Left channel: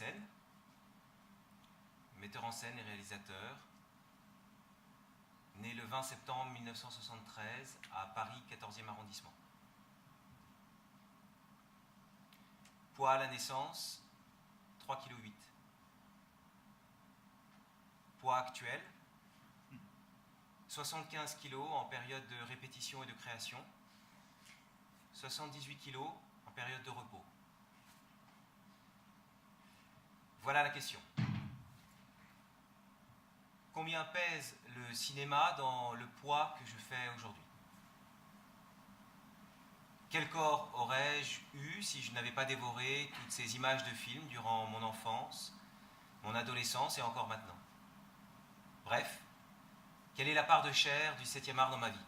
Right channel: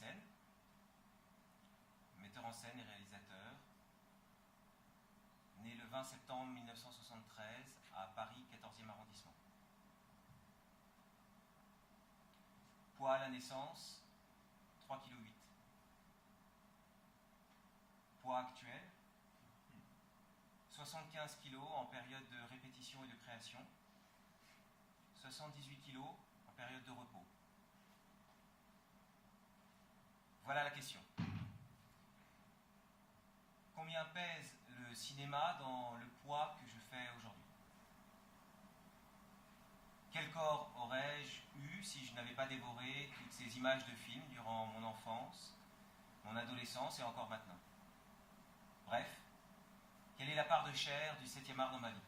Messen, metteur en scène et réalisateur, né le 20 septembre 1973 à Paris, 14e arrondissement. Poids à la naissance, 3,8 kg. Poids actuel, 75 kg en période de répétition et de création, 78 kg en période de repos. Voilà la question. Combien pèse le cinéma dans le poids que je fais aujourd'hui? Quel corps aurais-je eu si je n'avais pas dévoré toutes ces images de films durant mon enfance, mon adolescence et encore maintenant? Bref, quelle est la part de chair du 7e art dans ma vie?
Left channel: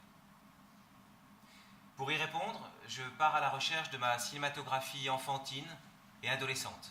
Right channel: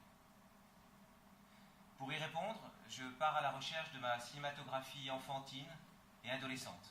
Pour y répondre, je pars à la recherche de ma cinématographie enfantine et adolescente.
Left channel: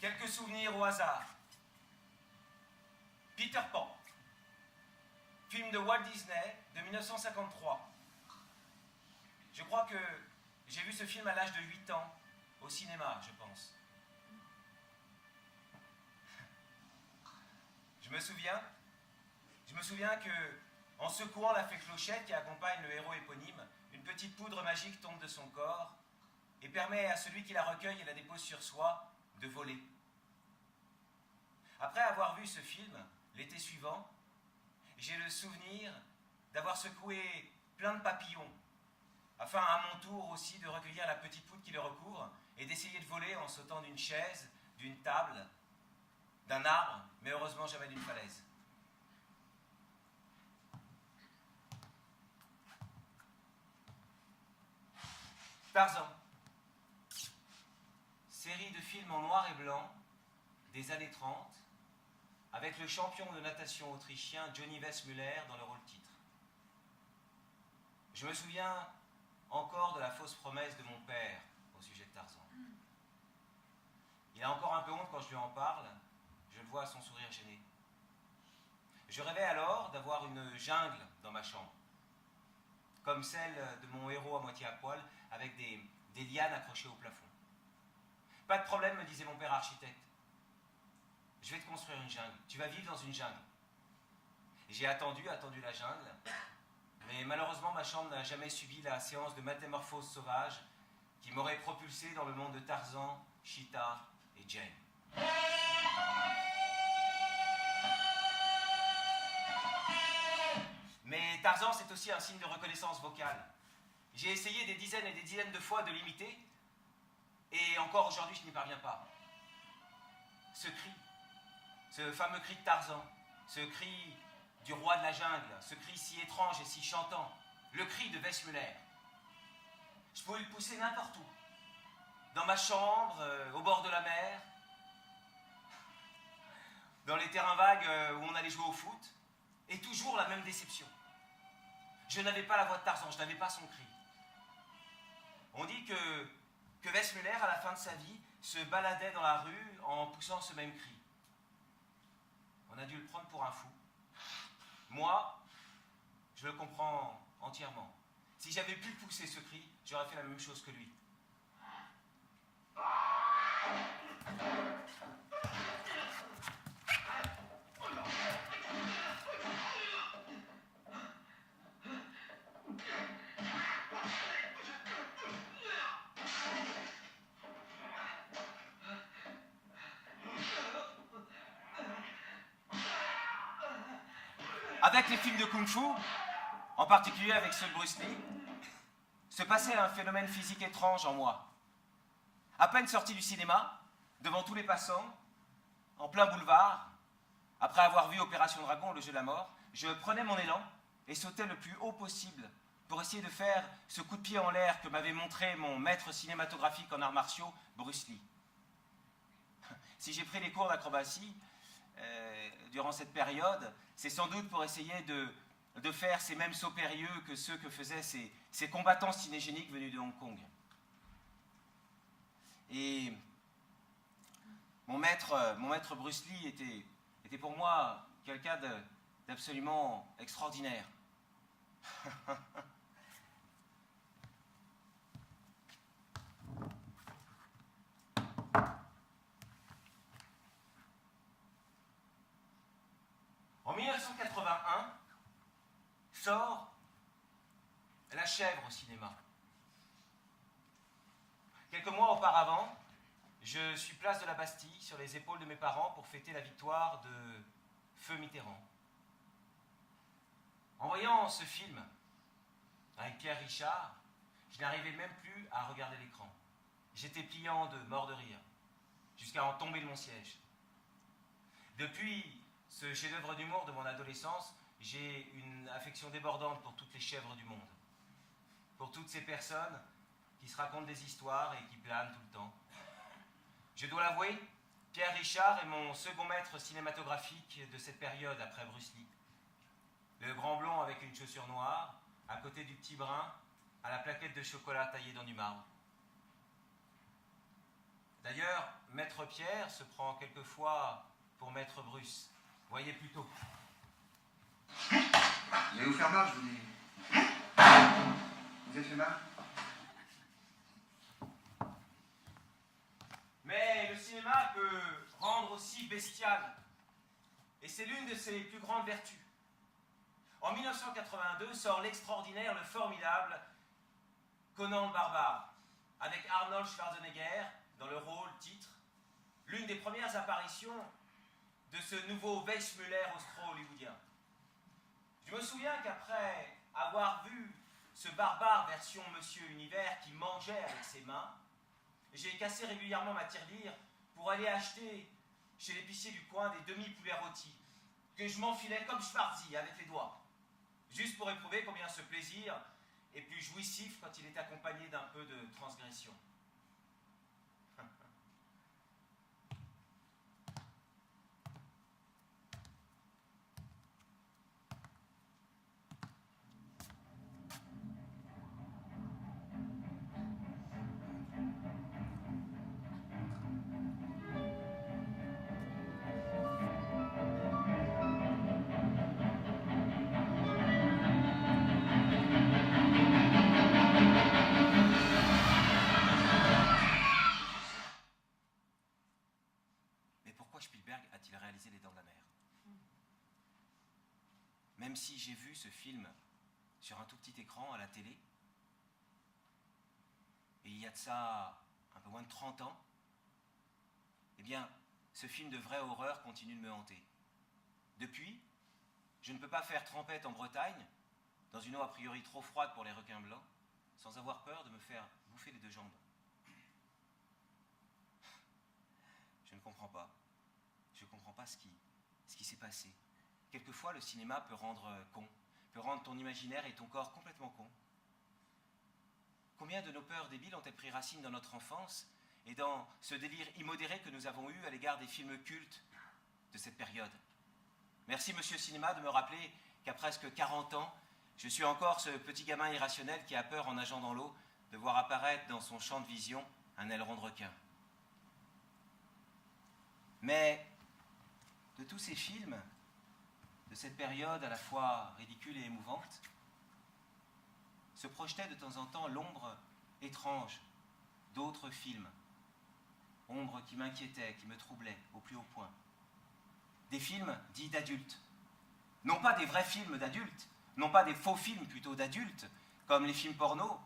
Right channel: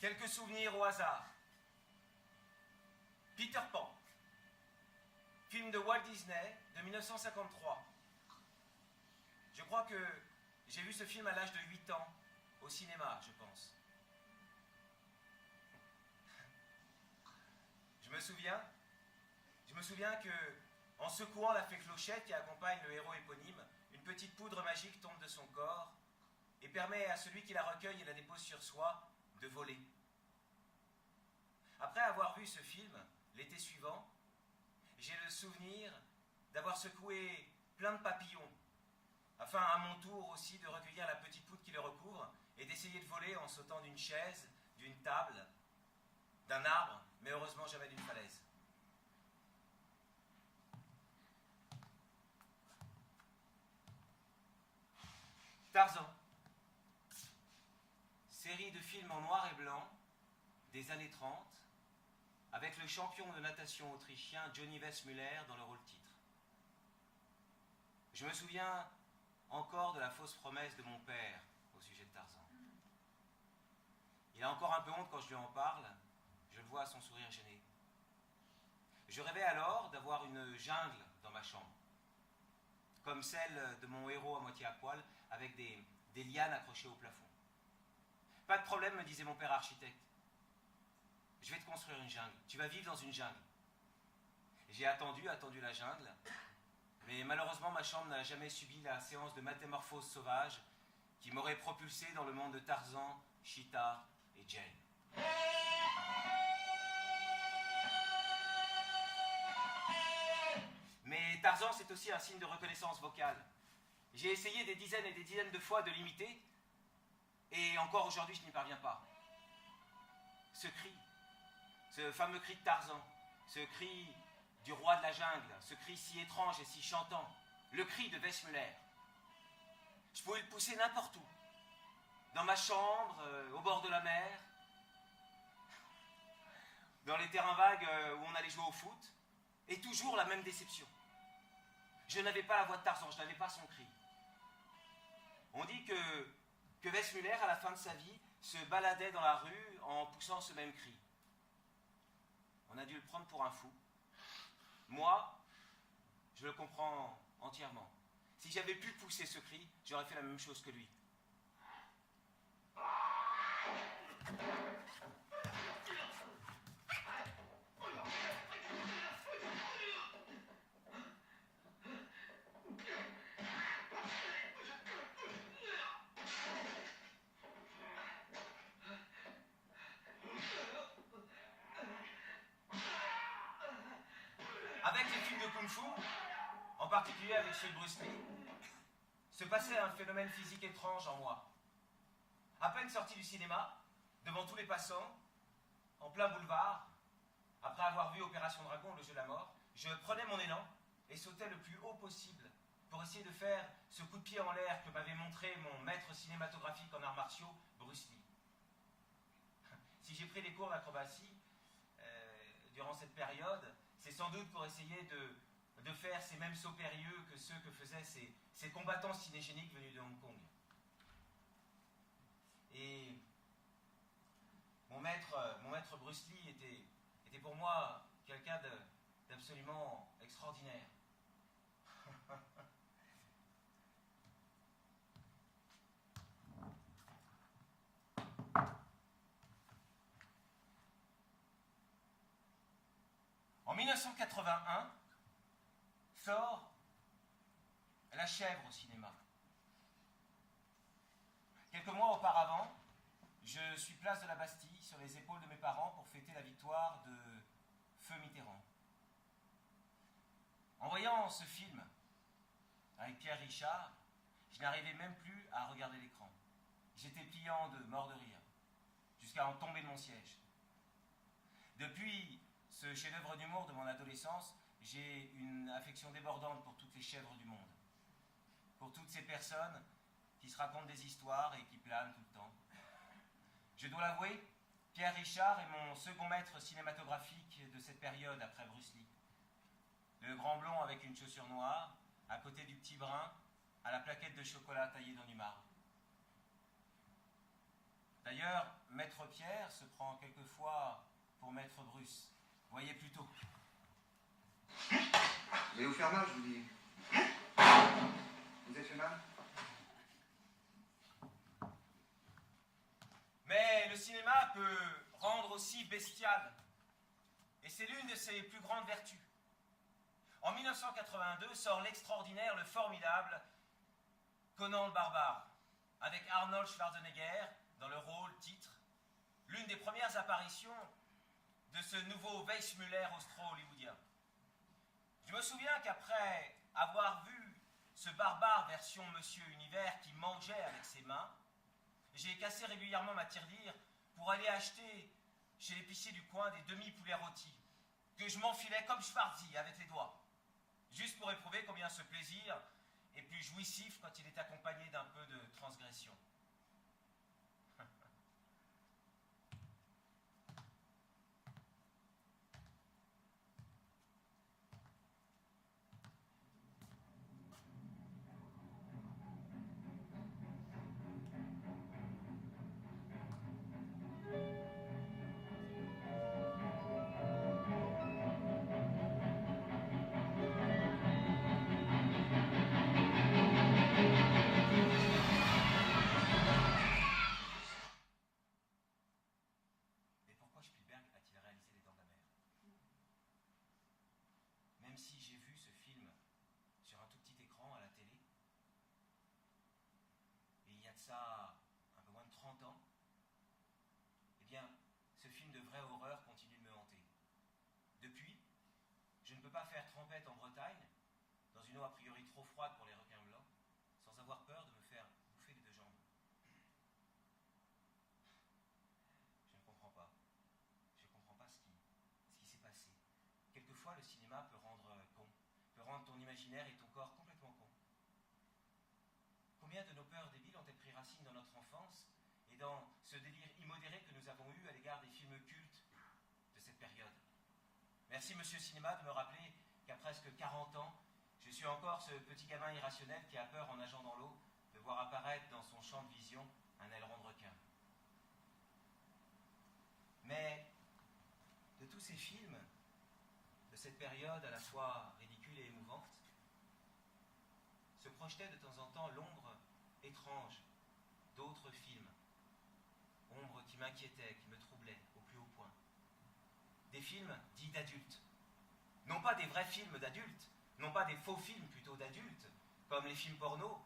Quelques souvenirs au hasard. Peter Pan, film de Walt Disney de 1953. Je crois que j'ai vu ce film à l'âge de 8 ans, au cinéma, je pense. Je me souviens que, en secouant la fée clochette qui accompagne le héros éponyme, une petite poudre magique tombe de son corps et permet à celui qui la recueille et la dépose sur soi de voler. Après avoir vu ce film, l'été suivant, j'ai le souvenir d'avoir secoué plein de papillons, afin à mon tour aussi de recueillir la petite poudre qui les recouvre et d'essayer de voler en sautant d'une chaise, d'une table, d'un arbre, mais heureusement jamais d'une falaise. Tarzan. Série de films en noir et blanc des années 30, avec le champion de natation autrichien Johnny Weissmuller dans le rôle titre. Je me souviens encore de la fausse promesse de mon père au sujet de Tarzan. Il a encore un peu honte quand je lui en parle, je le vois à son sourire gêné. Je rêvais alors d'avoir une jungle dans ma chambre, comme celle de mon héros à moitié à poil, avec des lianes accrochées au plafond. Pas de problème, me disait mon père architecte. Je vais te construire une jungle. Tu vas vivre dans une jungle. J'ai attendu la jungle, mais malheureusement ma chambre n'a jamais subi la séance de métamorphose sauvage qui m'aurait propulsé dans le monde de Tarzan, Cheetah et Jane. Mais Tarzan, c'est aussi un signe de reconnaissance vocale. J'ai essayé des dizaines et des dizaines de fois de l'imiter, et encore aujourd'hui, je n'y parviens pas. Ce cri, ce fameux cri de Tarzan, ce cri du roi de la jungle, ce cri si étrange et si chantant, le cri de Weissmuller. Je pouvais le pousser n'importe où, dans ma chambre, au bord de la mer, dans les terrains vagues où on allait jouer au foot, et toujours la même déception. Je n'avais pas la voix de Tarzan, je n'avais pas son cri. On dit que Weissmuller, à la fin de sa vie, se baladait dans la rue en poussant ce même cri. On a dû le prendre pour un fou. Moi, je le comprends entièrement. Si j'avais pu pousser ce cri, j'aurais fait la même chose que lui. Avec les films de Kung-Fu, en particulier avec ceux de Bruce Lee, se passait un phénomène physique étrange en moi. À peine sorti du cinéma, devant tous les passants, en plein boulevard, après avoir vu Opération Dragon, le jeu de la mort, je prenais mon élan et sautais le plus haut possible pour essayer de faire ce coup de pied en l'air que m'avait montré mon maître cinématographique en arts martiaux, Bruce Lee. Si j'ai pris des cours d'acrobatie durant cette période, c'est sans doute pour essayer de de faire ces mêmes sauts périlleux que ceux que faisaient ces combattants cinégéniques venus de Hong Kong. Et mon maître Bruce Lee était pour moi quelqu'un d'absolument extraordinaire. En 1981, sort La Chèvre au cinéma. Quelques mois auparavant, je suis place de la Bastille, sur les épaules de mes parents, pour fêter la victoire de Feu Mitterrand. En voyant ce film, avec Pierre Richard, je n'arrivais même plus à regarder l'écran. J'étais pliant de mort de rire, jusqu'à en tomber de mon siège. Depuis ce chef-d'œuvre d'humour de mon adolescence, j'ai une affection débordante pour toutes les chèvres du monde. Pour toutes ces personnes qui se racontent des histoires et qui planent tout le temps. Je dois l'avouer, Pierre Richard est mon second maître cinématographique de cette période après Bruce Lee. Le grand blond avec une chaussure noire, à côté du petit brun, à la plaquette de chocolat taillée dans du marbre. D'ailleurs, Maître Pierre se prend quelquefois pour Maître Bruce. Voyez plutôt. Vous allez vous faire mal, je vous dis. Vous êtes fait mal? Mais le cinéma peut rendre aussi bestial. Et c'est l'une de ses plus grandes vertus. En 1982 sort l'extraordinaire, le formidable Conan le Barbare, avec Arnold Schwarzenegger dans le rôle titre, l'une des premières apparitions de ce nouveau Weissmuller austro-hollywoodien. Je me souviens qu'après avoir vu ce barbare version Monsieur Univers qui mangeait avec ses mains, j'ai cassé régulièrement ma tirelire pour aller acheter chez l'épicier du coin des demi-poulets rôtis, que je m'enfilais comme Schwarzy avec les doigts, juste pour éprouver combien ce plaisir est plus jouissif quand il est accompagné d'un peu de transgression. Même si j'ai vu ce film sur un tout petit écran à la télé, et il y a de ça un peu moins de 30 ans, eh bien, ce film de vraie horreur continue de me hanter. Depuis, je ne peux pas faire trempette en Bretagne, dans une eau a priori trop froide pour les requins blancs, sans avoir peur de me faire bouffer les deux jambes. Je ne comprends pas. Je ne comprends pas ce qui s'est passé. Quelquefois, le cinéma peut rendre con, peut rendre ton imaginaire et ton corps complètement con. Combien de nos peurs débiles ont-elles pris racine dans notre enfance et dans ce délire immodéré que nous avons eu à l'égard des films cultes de cette période? Merci, Monsieur Cinéma, de me rappeler qu'à presque 40 ans, je suis encore ce petit gamin irrationnel qui a peur, en nageant dans l'eau, de voir apparaître dans son champ de vision un aileron de requin. Mais de tous ces films, de cette période à la fois ridicule et émouvante, se projetait de temps en temps l'ombre étrange d'autres films, ombre qui m'inquiétait, qui me troublait au plus haut point. Des films dits d'adultes, non pas des vrais films d'adultes, non pas des faux films plutôt d'adultes, comme les films porno,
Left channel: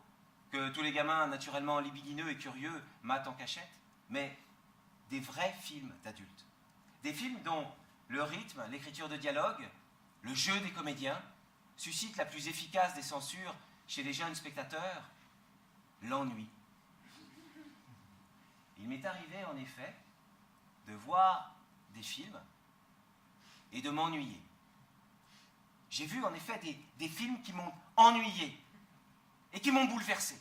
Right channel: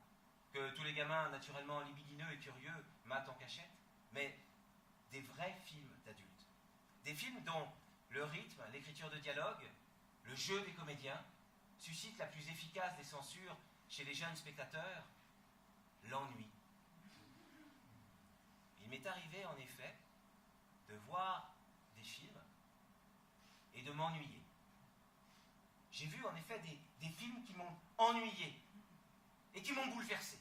que tous les gamins naturellement libidineux et curieux matent en cachette, mais des vrais films d'adultes. Des films dont le rythme, l'écriture de dialogue, le jeu des comédiens suscitent la plus efficace des censures chez les jeunes spectateurs, l'ennui. Il m'est arrivé en effet de voir des films et de m'ennuyer. J'ai vu en effet des films qui m'ont ennuyé et qui m'ont bouleversé,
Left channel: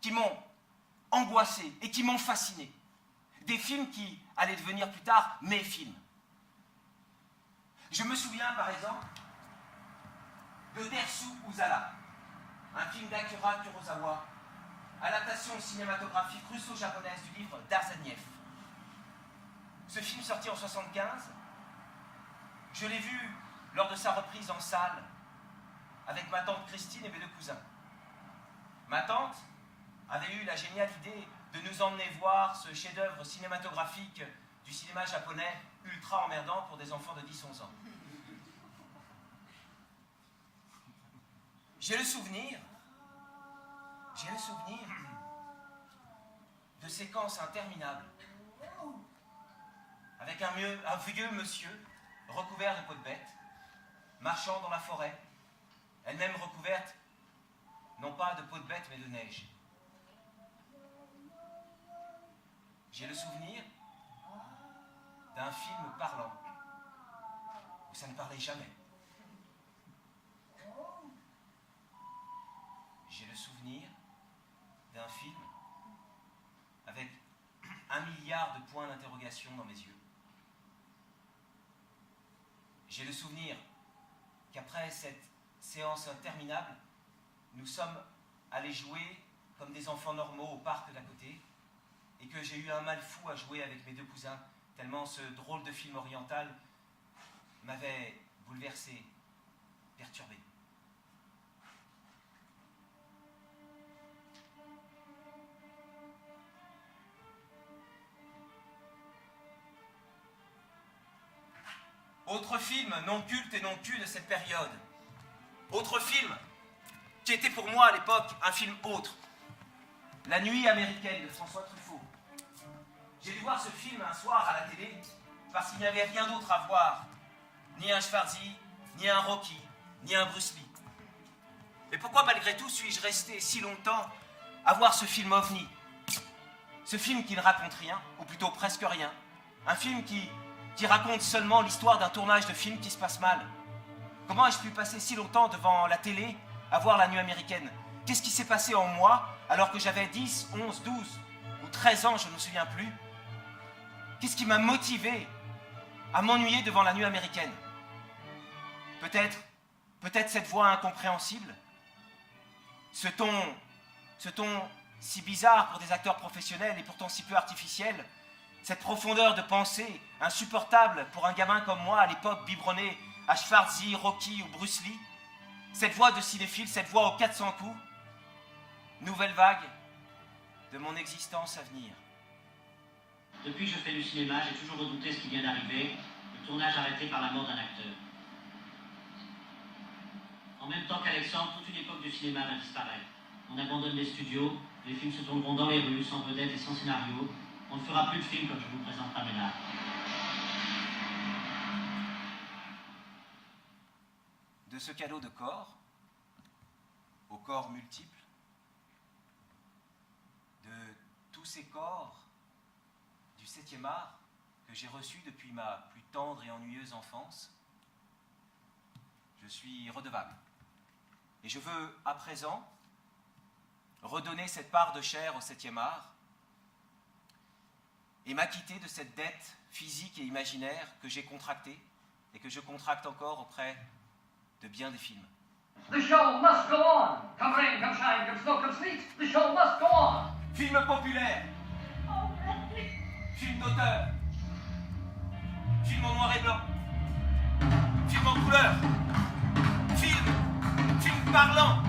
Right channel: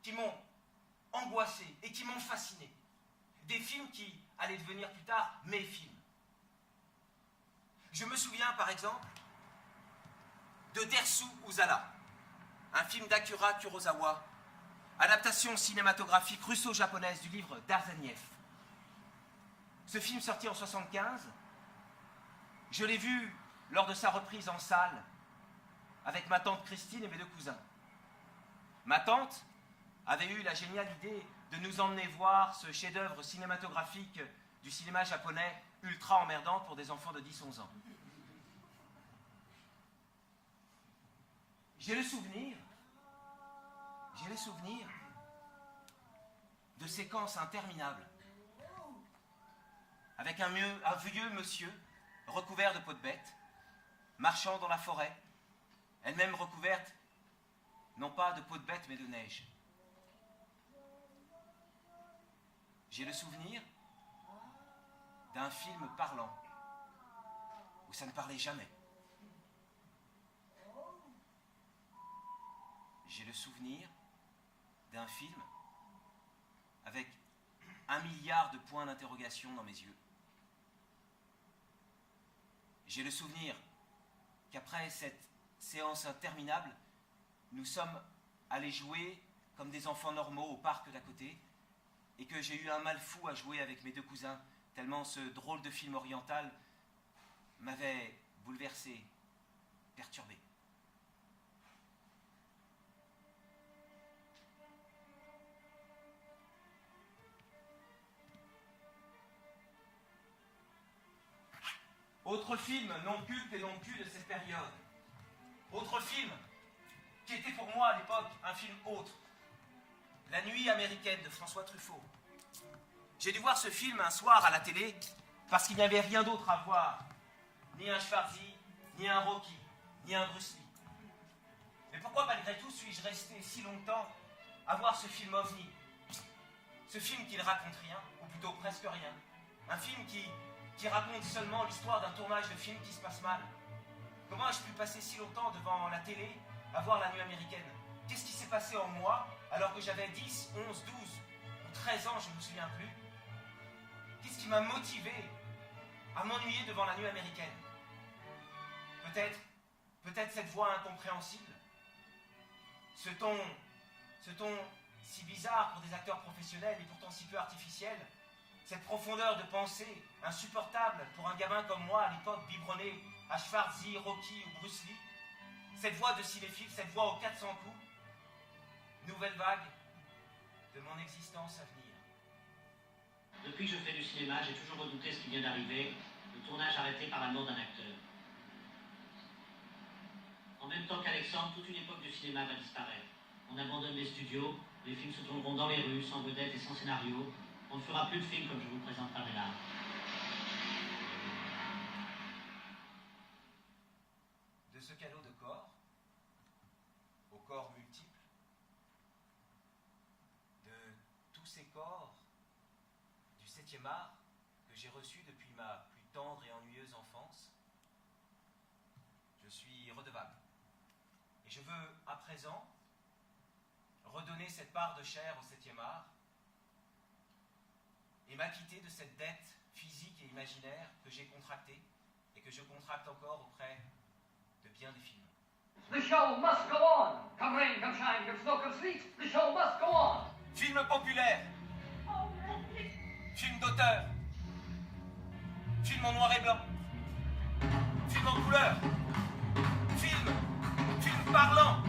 qui m'ont angoissé et qui m'ont fasciné. Des films qui allaient devenir plus tard mes films. Je me souviens par exemple de Dersu Uzala, un film d'Akira Kurosawa, adaptation cinématographique russo-japonaise du livre d'Arseniev. Ce film sorti en 1975, je l'ai vu lors de sa reprise en salle avec ma tante Christine et mes deux cousins. Ma tante avait eu la géniale idée de nous emmener voir ce chef-d'œuvre cinématographique du cinéma japonais ultra emmerdant pour des enfants de 10-11 ans. J'ai le souvenir de séquences interminables avec un vieux monsieur recouvert de peau de bête, marchant dans la forêt, elle-même recouverte, non pas de peau de bête, mais de neige. J'ai le souvenir d'un film parlant, où ça ne parlait jamais. J'ai le souvenir d'un film avec 1 milliard de points d'interrogation dans mes yeux. J'ai le souvenir qu'après cette séance interminable, nous sommes allés jouer comme des enfants normaux au parc d'à côté et que j'ai eu un mal fou à jouer avec mes deux cousins, tellement ce drôle de film oriental m'avait bouleversé, perturbé. Autre film non culte et non cul de cette période. Autre film qui était pour moi à l'époque un film autre. La Nuit américaine de François Truffaut. J'ai dû voir ce film un soir à la télé parce qu'il n'y avait rien d'autre à voir. Ni un Schwarzy, ni un Rocky, ni un Bruce Lee. Mais pourquoi malgré tout suis-je resté si longtemps à voir ce film ovni? Ce film qui ne raconte rien, ou plutôt presque rien. Un film qui raconte seulement l'histoire d'un tournage de film qui se passe mal. Comment ai-je pu passer si longtemps devant la télé à voir La Nuit américaine? Qu'est-ce qui s'est passé en moi alors que j'avais 10, 11, 12 ou 13 ans, je ne me souviens plus? Qu'est-ce qui m'a motivé à m'ennuyer devant La Nuit américaine? Peut-être cette voix incompréhensible, ce ton si bizarre pour des acteurs professionnels et pourtant si peu artificiel, cette profondeur de pensée insupportable pour un gamin comme moi à l'époque biberonné à Schwarzy, Rocky ou Bruce Lee, cette voix de cinéphile, cette voix aux 400 coups, nouvelle vague de mon existence à venir. Depuis que je fais du cinéma, j'ai toujours redouté ce qui vient d'arriver, le tournage arrêté par la mort d'un acteur. En même temps qu'Alexandre, toute une époque du cinéma va disparaître. On abandonne les studios, les films se tourneront dans les rues, sans vedette et sans scénario. On ne fera plus de films comme je vous présenterai maintenant. De ce cadeau de corps, aux corps multiples, de tous ces corps du 7e art que j'ai reçus depuis ma plus tendre et ennuyeuse enfance, je suis redevable. Et je veux, à présent, redonner cette part de chair au 7e art et m'acquitter de cette dette physique et imaginaire que j'ai contractée et que je contracte encore auprès de bien des films. The show must go on. Come rain, come shine, come snow, come sleet. The show must go on. Film populaire. Film d'auteur. Film en noir et blanc. Film en couleur. Film parlant.